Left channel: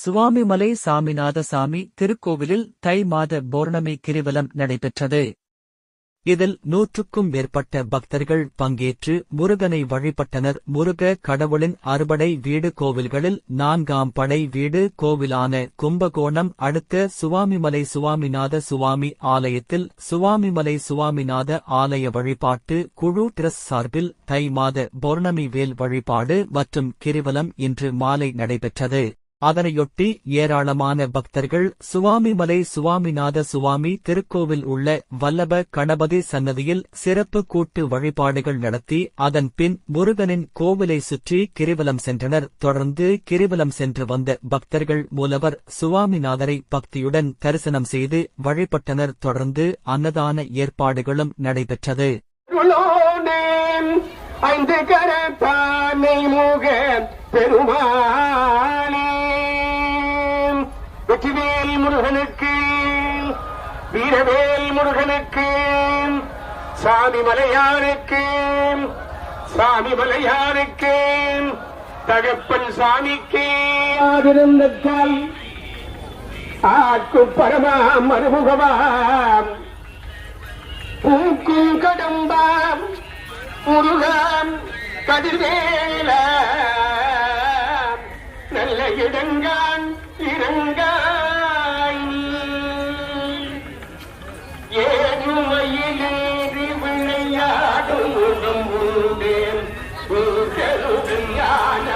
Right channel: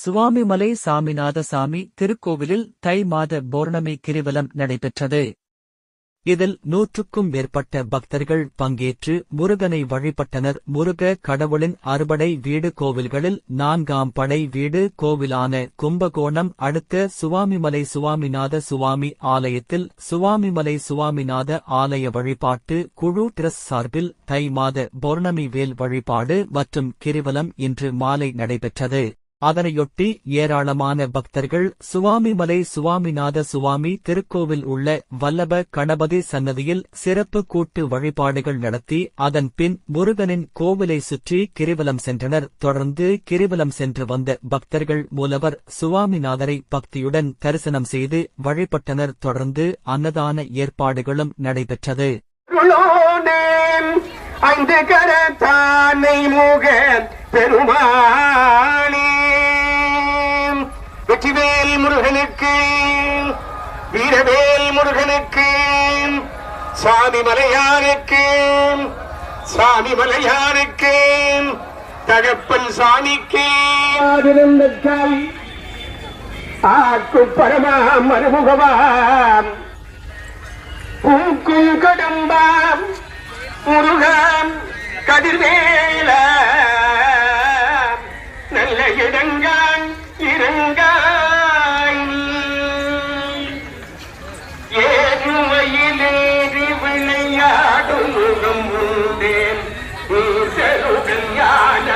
சுவாமிமலை சாமிநாதசாமி திருக்கோவிலில் தை மாத பௌர்ணமி கிரிவலம் நடைபெற்றது. இதில் 100க்கும் மேற்பட்ட பக்தர்கள் பங்கேற்று முருகனை வழிபட்டனர். முருக கடவுளின் அறுபடை வீடு கோவில்களில் 4ஆம் படை வீடு கோவிலான கும்பகோணம் அடுத்த சுவாமிமலை சுவாமிநாத சுவாமி ஆலயத்தில் சுவாமிமலை சுவாமிநாத ஆலய வழிபாட்டு குழு டிரஸ்ட் சார்பில் தை மாத பௌர்ணமி வேல் வழிபாடு மற்றும் கிரிவலம் இன்று மாலை நடைபெற்றது. அதனையொட்டி ஏராளமான பக்தர்கள் சுவாமிமலை சுவாமிநாத சுவாமி திருக்கோவில் உள்ள வல்லப கணபதி சன்னதியில் சிறப்பு கூட்டு வழிபாடுகள் நடத்தி அதன் பின் முருகனின் கோவிலை சுற்றி கிரிவலம் சென்றனர். தொடர்ந்து கிரிவலம் சென்று வந்த பக்தர்கள் மூலவர் சுவாமிநாதரை பக்தியுடன் தரிசனம் செய்து வழிபட்டனர். தொடர்ந்து அன்னதான ஏற்பாடுகளும் நடைபெற்றது. ஐந்து கரத்தானை முக பெருமானே வெற்றிவேல் முருகனுக்கு வீரவேல் முருகனுக்கு சாமிமலையானுக்கு சாமிமலையானுக்கு தகப்பன் சாமிக்கு ஆக்கு பரமா மறுமுகவாம் பூக்கும் கடம்பாம் முருகன் கதிர்வேல நல்ல இடங்கான் இறங்காய் ஏழுமையிலேறி விளையாடும் முகம் உண்டேன் ஞான